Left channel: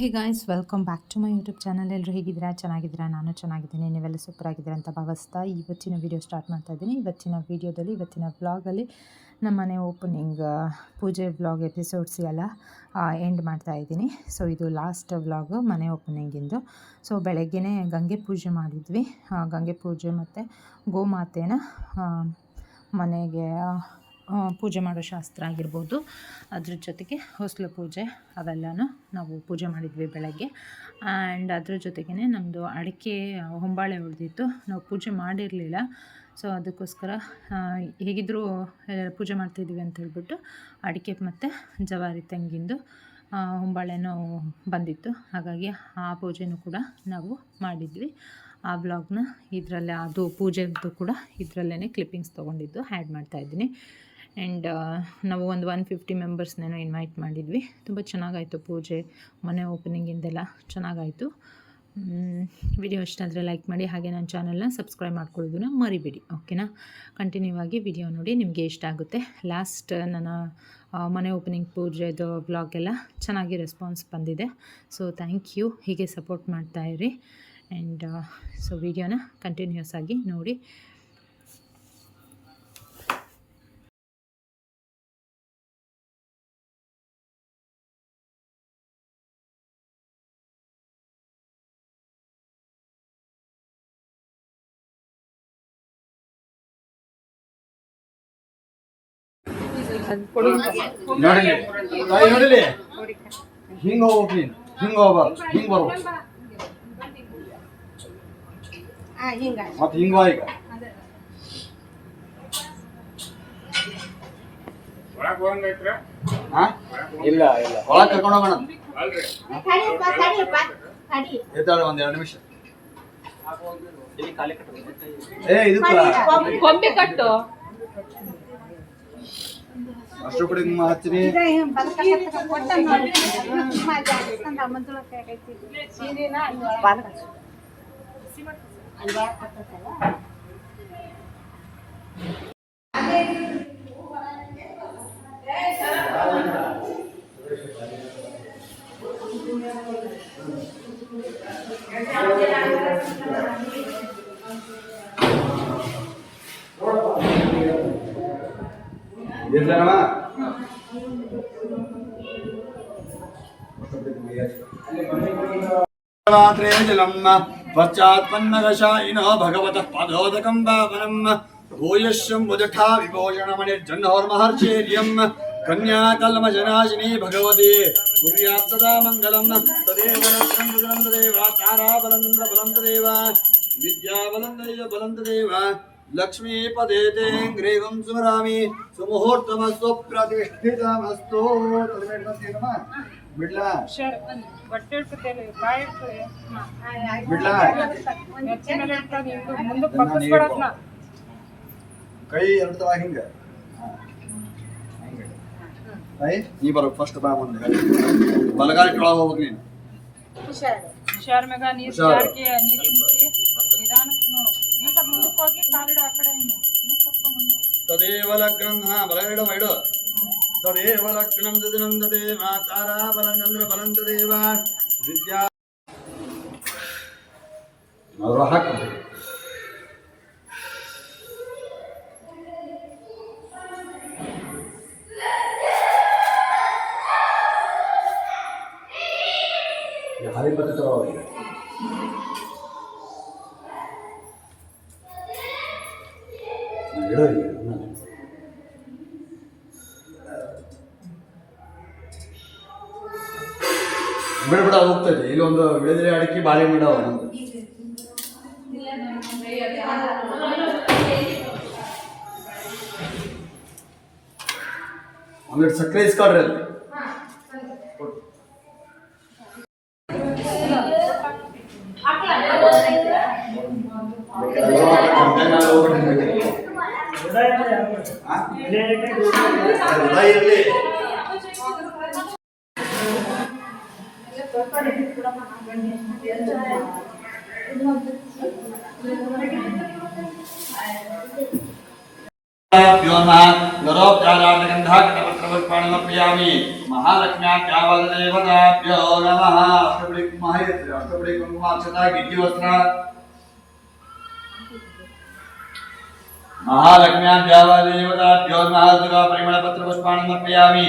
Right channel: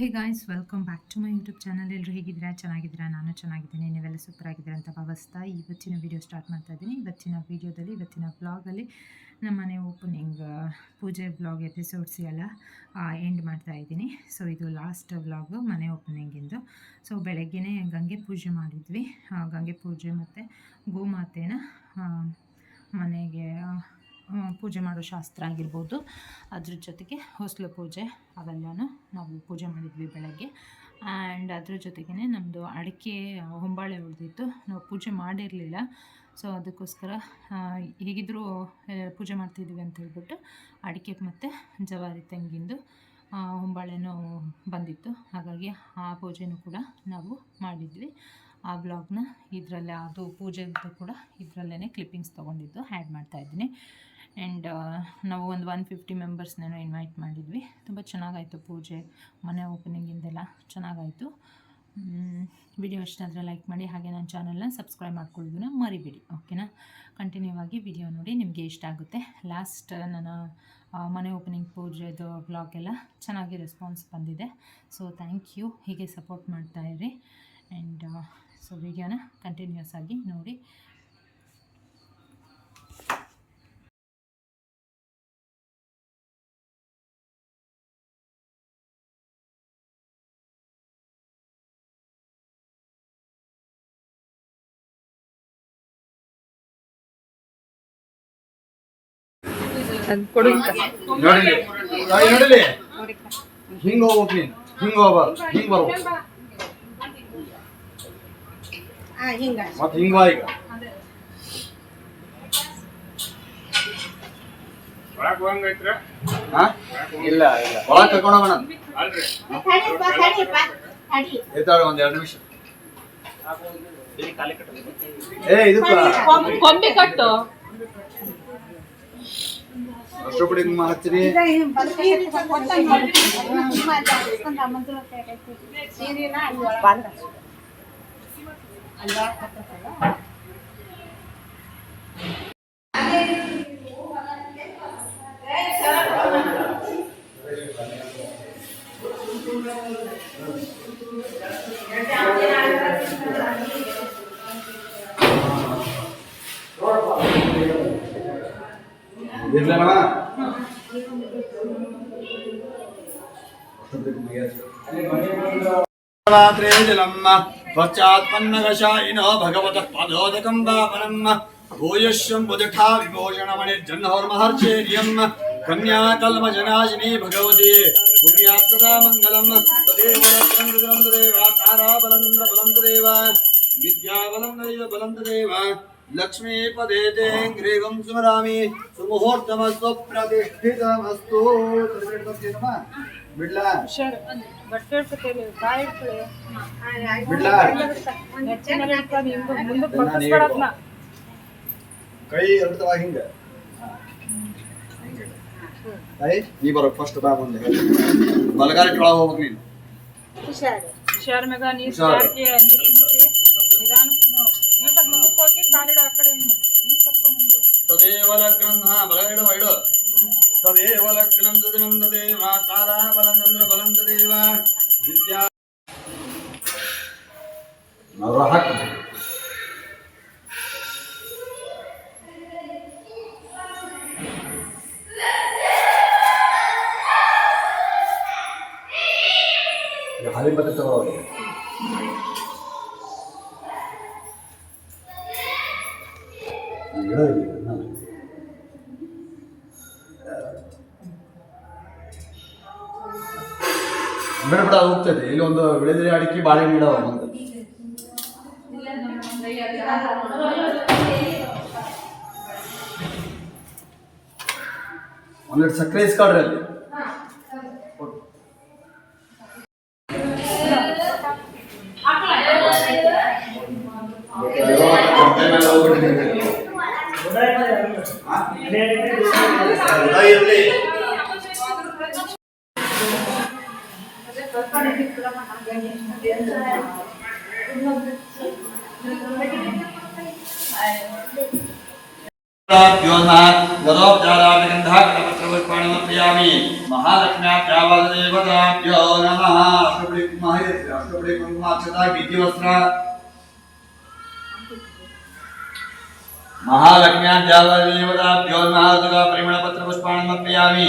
Hey guys, welcome back to my YouTube channel. ಎಲ್ಲರೂ ಹೇಗಿದ್ದೀರಾ? ಚೆನ್ನಾಗಿದ್ದೀರಾ? ನಾನು ಚೆನ್ನಾಗಿದ್ದೀನಿ. ನೀವೆಲ್ಲ ಸೂಪರ್ ಆಗಿದ್ದೀರಾ ಅಂತ ಭಾವಿಸ್ತಾ ಇವತ್ತಿನ ವೀಡಿಯೋ ಸ್ಟಾರ್ಟ್ ಮಾಡ್ತಾ ಇದ್ದೀನಿ. ಇವತ್ತಿನ ವ್ಲಾಗಲ್ಲಿ ನಮ್ಮ ಮನೆ ಓಪನಿಂಗ್ ಪೂಜೆ ವ್ಲಾಗ್ ಎಪಿಸೋಡ್ಸ್ ಎಲ್ಲ ಎಂಡ್ ಮಾಡ್ತಾ ಇದ್ದೀನಿ. ಸೊ ಇದು ಲಾಸ್ಟ್ ವ್ಲಾಗು ಮನೆ ಓಪನಿಂಗಿಂದು. ಸೊ ಬೆಳಗ್ಗೆನೇ ಗಂಗೆ ಪೂಜೆ ಮಾಡಿದ್ವಿ. ಗಂಗೆ ಪೂಜೆ ಮತ್ತು ಗೋಮಾತೆನ ಮನೆಗೆ ಪೂಜೆ ಮಾಡೋ ಶಾಸ್ತ್ರ ಆಗಿರ್ಬೋದು, ಅದ್ರ ಜೊತೆಗೆ ಹೊಸಲು ಪೂಜೆ ಅವೆಲ್ಲನೂ ನಾವು ಪೂಜೆ ಮಾಡಿದ್ವಿ ಬೆಳಗ್ಗೆ. ಆ್ಯಂಡ್ ಅದ್ರ ಜೊತೆಗೇ ನಮ್ಮದು ಅಡಿಕೆ ಹೊಂಬಾಳೆ ಉಳಿದಿತ್ತು, ನಾವು ಪೂಜೆ ಮಾಡಿರಲಿಲ್ಲ. ಸೊ ಅದಕ್ಕೋಸ್ಕರ ಹೇಗಿದ್ದರೂ ಪೂಜೆ ಮಾಡ್ತಿದ್ವಿ ಅಂತ ಹೇಳ್ಬಿಟ್ಟು ಅಡಿಕೆ ಮತ್ತು ಜವಾರಿ ತೆಂಗಿಂದು ಹೊಂಬಾಳೆನೂ ಬಂದಿತ್ತು. ಹಾಗಾಗಿ ಆ ಪೂಜೆನೂ ಕೂಡ ನಾವು ಮಾಡಿದ್ವಿ. ಆ ಬ್ಲಾಗ್ನ ಇದರಲ್ಲೇ, ಅದು ಪೂಜೆದು ಕೂಡ ಇದರಲ್ಲೇ ಕ್ಲಿಪ್ಪಿಂಗ್ಸ್ ತೊಗೊಂಡಿದ್ದು ಆ್ಯಡ್ ಮಾಡ್ತಾಯಿದ್ದೀನಿ. ಆ್ಯಂಡ್ ನಾವು ಒಂದು 150 ಮೆಂಬರ್ಸ್ನೇನೋ ಇನ್ವೈಟ್ ಮಾಡಿದ್ವಿ. ತುಂಬ ಚೆನ್ನಾಗಾಯಿತು ಪೂಜೆ, ಮನೆ ಓಪನಿಂಗಿಂದೆಲ್ಲ ಚೆನ್ನಾಗಾಯಿತು. ವಿಡಿಯೋ ಇಷ್ಟ ಆದರೆ ಲೈಕ್ ಮಾಡಿ, ಹಾಗೆ ನನ್ನ ಚಾನಲ್ನ ಸಬ್ಸ್ಕ್ರೈಬ್ ಮಾಡ್ಕೊಳ್ಳೋದನ್ನ ಮರಿಬೇಡಿ, ಓಕೆನಾ? ಕಂಟಿನ್ಯೂ ಆಗಿ ವಿಡಿಯೋ ನೋಡಿ, ನಿಮಗೆ ಇಷ್ಟ ಆಗುತ್ತೆ. ಲಾಸ್ಟ್ ನನ್ನ ಮನೆ ಓಪನಿಂಗ್ ಪೂಜೆದು ವ್ಲಾಗೆಲ್ಲ ಚೆನ್ನಾಗಿ ರೆಸ್ಪಾನ್ಸ್ ಬಂದಿದೆ. ಸೊ ಥ್ಯಾಂಕ್ ಯು, ಹೀಗೆ ಸಪೋರ್ಟ್ ಮಾಡ್ತಾಯಿರಿ. ಆ್ಯಂಡ್ ಸೊ ವಿಡಿಯೋನ ಕಂಟಿನ್ಯೂಸ್ ಆಗಿ ನೋಡಿ. ನೋಡಿಲಿ ಹಿಂಗ ಹೋಗ್ಬೇಕು, ನೀನು ಹಿಂಗ ಹೋಗ್ಬಾರ್ದು, ಹಿಂಗ ಬರ್ಬೇಕು. ಮತ್ತೆ ಹಿಂಗ ಈಗ ಇಲ್ಲ ಇಲ್ಲ ಒಳಗೆ ಕರ್ಕೊಂಡು ಹೋಗೋಣ. ಎತ್ತಾಳು ಒಂದು 2 ನಿಮಿಷ. ಇದಕ್ಕ ಅಷ್ಟೊಬ್ಬಡಿ ಹಚ್ಚಿರಿ. ಇರ್ಲಮ್ಮ ತ್ವಚ್ಚಾತ್ಪನ್ನಗಶಾಯಿನೋ ಭಗವತಃ ಪಾದೋದಕಂ ಪಾವನಂ ಭೂಯಶ್ಯಂ ಬುಜಠಾ ವಿಭೂಷಣಮಣಿರ್ಜನ್ಹೋರ್ಮಹರ್ಚೇರ್ಯಂ ಕನ್ಯಾಕಲ್ಮಜನಾಶಿನಿ ಭಗವತಿ ಕುರ್ಯಾತ್ ಸದಾ ಮಂಗಲಂ. ತದೇವ ಲಕ್ಷ್ಮೀ ತಾರಾಬಲಂದ್ರ ಬಲಂತದೇವ ವಿದ್ಯಾಬಲಂದೈವ ಬಲಂತದೇವ ಲಕ್ಷ್ಮೀಪದೇ ಗ್ರೀವಂ ಸ್ಮರಾಮಿ ಸುಮುಹೂರ್ತಮಸ್ತು ಪ್ರತಿಷ್ಠಿತಮಸ್ತು. ಬಿಡ್ಲಾ ಕೈ ಎಳ್ತವ ಹಿಂಗ ನೀ ಬರೋ ಫಸ್ಟ್ ಬಾ ಮುಂದೆ ಬಲಗಾಲಿ ಕೆಳಗೆ ಹೋಗ್ಬೇಕು ನೀನು. ತದೇವ ಲಗ್ನಂ ಬಲಗಡೆ ಇಡು. ತದೇವ ಲಗ್ನಂ ದದಿನಂ ದದೇವ ತಾರಾ ಬಲಂಚಂದ್ರ ಬಲಂತದೇವ ವಿದ್ಯಾ ಅವರು ಹಾಕು. ಹಾಲಿನ ಬತ್ತೆ ತಗೋ. ಬಿಡ ಬಿಡ ಹೋಗ್ತದೆ. ಇಲ್ಲಿ ಒಂದು ವಿಳೆದೆಲೆ ಅಡಿಕೆ ಬಾಳೆಹಣ್ಣು ಇಡವ ನಮ್ದು. ಒಂದೆರಡು ಸಕ್ಕರೆ ಇಸ್ಕೊಳ್ರಿ ಅಲ್ಲಿ. महालक्ष्म्या देवताभ्यो नमः. ಅಷ್ಟಪಡಿ ಕುಂಕುಮ ಅಷ್ಟಪಡಿ ಕುಂಕುಮ ಅಕ್ಷತಾ ಗಿಜ್ಜಿ ವಸ್ತ್ರ महालक्ष्म्याद्यावादेवताभ्योन्महार्दगा परिमलपत्रपुष्पाणि समर्पयामि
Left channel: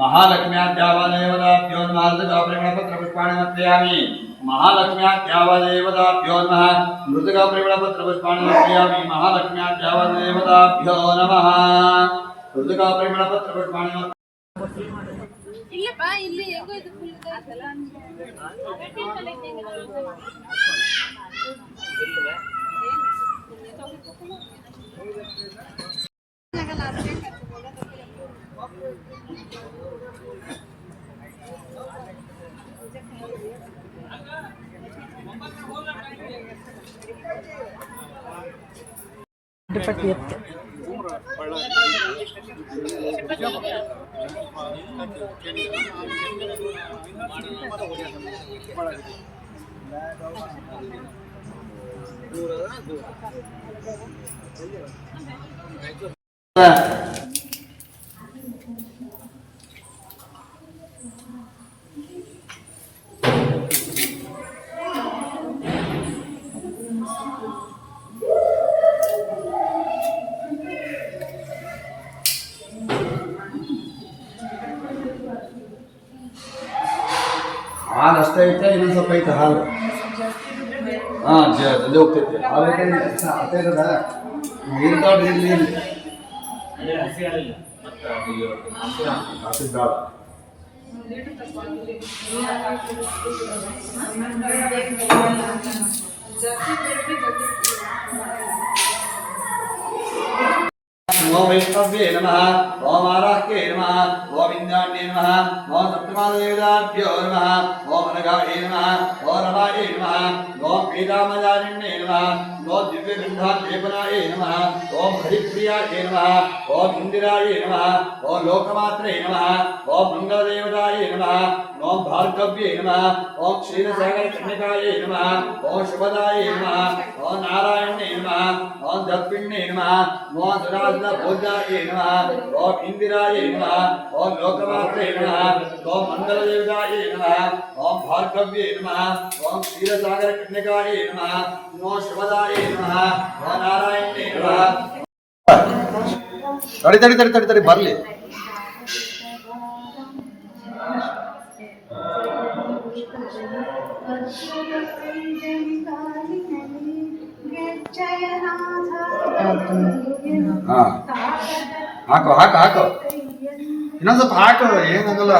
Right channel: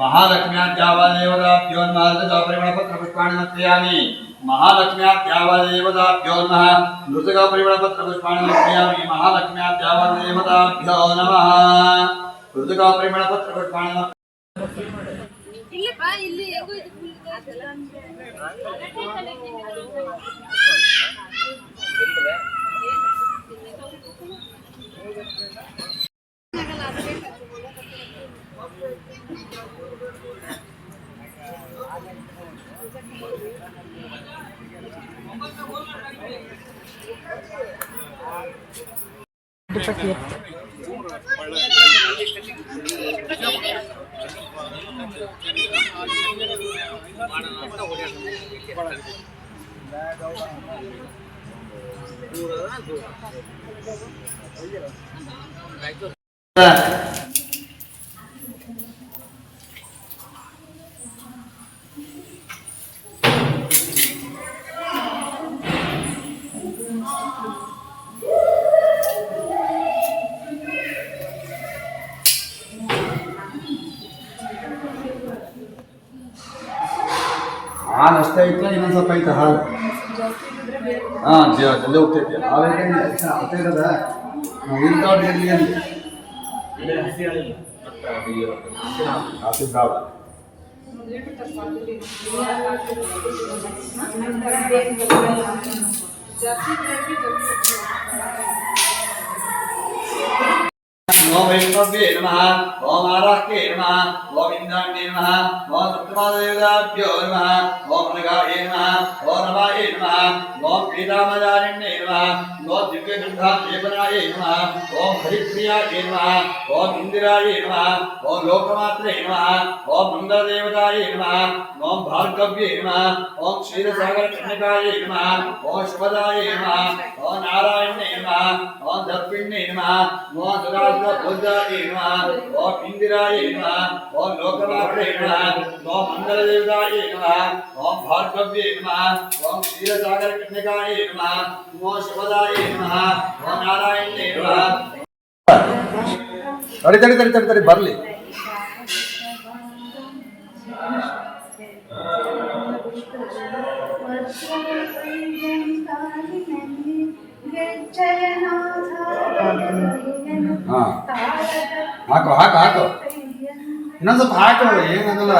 महालक्ष्म्याद्यावादेवताभ्योन्महार्दगा परिमलपत्रपुष्पाणि समर्पयामि महालक्ष्म्याद्यावादेवताभ्योन्मः नृतगा परिमलपत्रपुष्पाणि समर्पयामि महालक्ष्म्याद्यावादेवताभ्यो नमः नृतगा परिमलपत्रपुष्पाणि ಇಲ್ಲಿ ಬಾ ಇಲ್ಲಿ ಹೇಗೋ ಇದು ಫುಲ್ ಹಾಲು ಅಷ್ಟೇ ಐತೆ ಇನ್ನೊಂದು ಸ್ವಲ್ಪ ಐತೆ ಹಾಲು ಹಾಂ ಜಲ್ದಿ ಹೋಗ್ತೈತೆ ಹಾಲು ಐತೆ ಅಷ್ಟೇ ಇರೋದ ಇರ್ತಾವ್ರಿ ಇರಲಿ ಅಲ್ಲಿ ಹಾಕಿದ್ದಾಳ ओम वैष्णवे नमः ओम आराह्ये नमः ओम इंद्राण्ये नमः ओम सप्तमादेवताभ्यो नमः ओम नगाये नमः ओम नवाये नमः ओम पीताम्बरारण्ये नमः ओम दिव्यगन्धालेपनाये नमः ओम हरिप्रियाये नमः ओम इंदिराये नमः ओम लोकमात्रे नमः ओम मंगलदेवताये नमः ओम भार्गव्ये नमः ओम क्षीरसागरकन्यकाये नमः ओम शुभदाये नमः ओम नारायण्ये नमः ओम दत्पिण्ये नमः ओम सुराज भोजाये नमः ओम इंदिराये नमः ओम लोकमात्रे नमः ओम मंगलदेवताये नमः ओम भार्गव्ये नमः ओम क्षीरसागरकन्यकाये नमः ओम शुभदाये नमः ओम नारायण्ये नमः तड़ी तड़ी तड़ी तड़ी तड़ी बरली ಹಾಕೋ ಹಾಕೋ ಹಾಕೋ ಇನ್ನೊಂದು ಸ್ವಲ್ಪ ಹಾಕೋ ಏನಾಗಲ್ಲ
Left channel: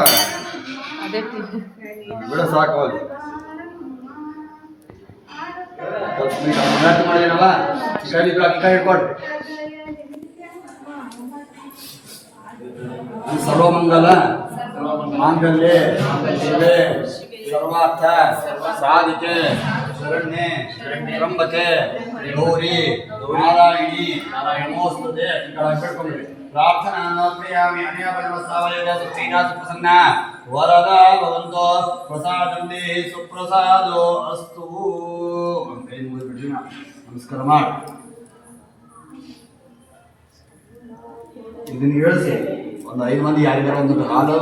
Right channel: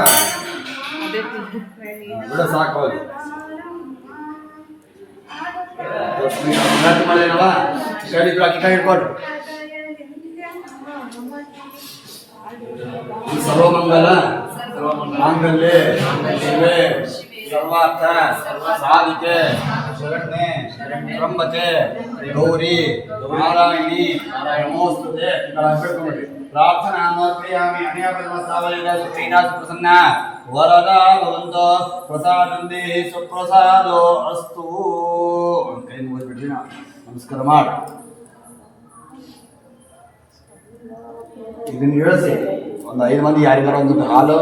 ಬಿಡ ಸಾಕು ಅದು ಮಾಡಿದೇನವ ಅಕ್ಕಿ ಹಿಡ್ಕೊಡ್ರಿ ಸರ್ವಮಂಗಲ ಮಾಂಗಲ್ಯ ಶಿವೆ ಸರ್ವಾರ್ಥ ಸಾಧಿಕೆ ಶರಣ್ಯೆ ತ್ರಂಬಕೆ ಗೌರಿ ನಾರಾಯಣಿ ನಮೋಸ್ತುತೆ ಹಿಡ್ಕೊಂಡ್ಬಿಡ್ರಿ ಪ್ರಾರ್ಥನಾ ಸಮರ್ಪಯಾಮಿ ಅನ್ಯಪದ್ಮಸ್ತಾವಯದ ಸುಪ್ರೀತಾ ಸುಪ್ರಸನ್ನ ವರದಾ ಭವಂತೋ ಪ್ರಸಾದಂತೆ ಸುಪ್ರಸಾದೋ ಅಸ್ತು ಕೈ ಮುಗಿದ್ಬಿಡ್ರಿ ನಮಸ್ಕಾರ ಮಾಡಿ ಇದನ್ನ ಹೇಳಿಸಿ ಒಂದು 5 ಮಂದಿ ಯಾರಿಗಾರ ಒಂದು ಹಾಲು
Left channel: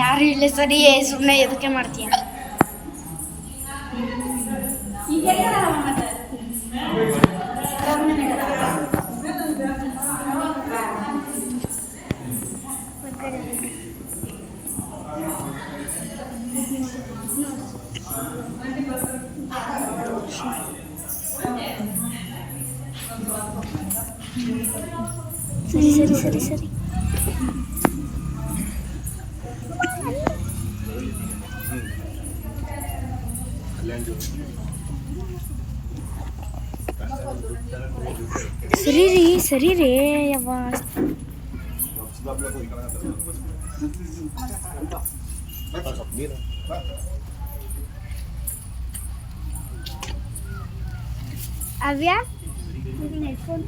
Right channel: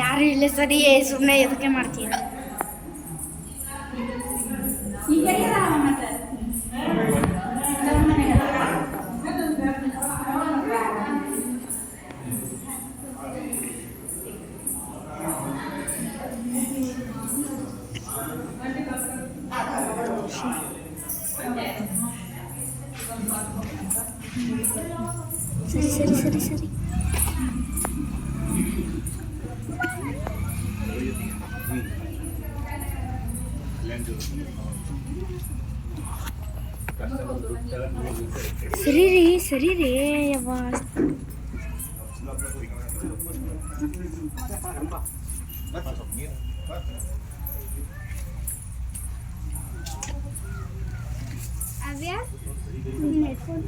ಯಾರು ಇಲ್ಲ ಸರಿ ಸುಮ್ಮನೆ ಎದಕ್ಕೆ ಮಾಡ್ತೀಯ ಸರಿ ಸರಿ ಸರಿ ಸರಿ ಸರಿ ರೀ ಯವ್ವ. ಅವ್ಯ ಹೆಡ್ಫೋನ್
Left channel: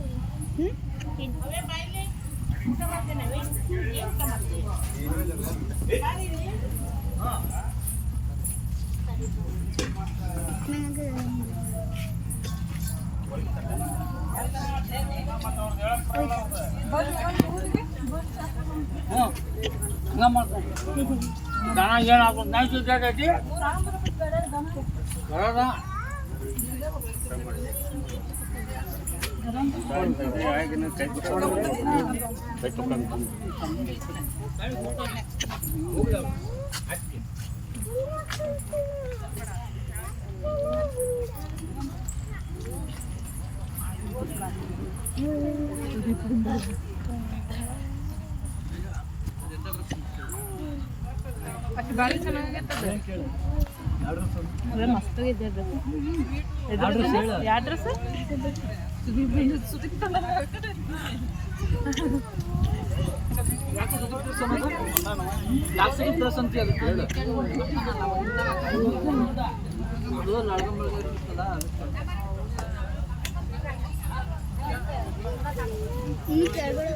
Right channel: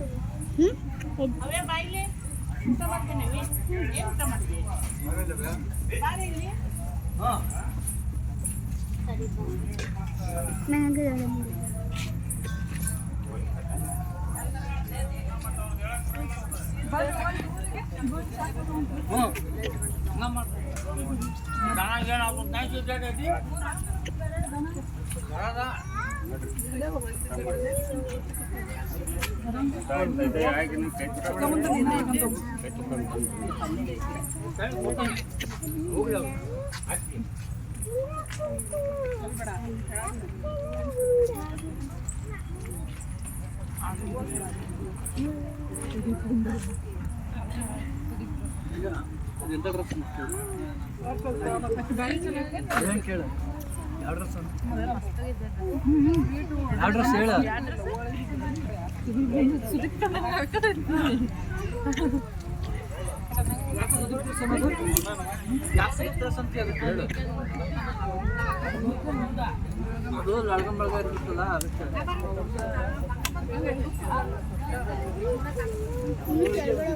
ಅದು ಲಾಳ್ಗಂ ಬಳಗ ಇರುತ್ತಲ್ಲ ಅದಕ್ಕೆ ಈ ಕೆಳಗಡೆ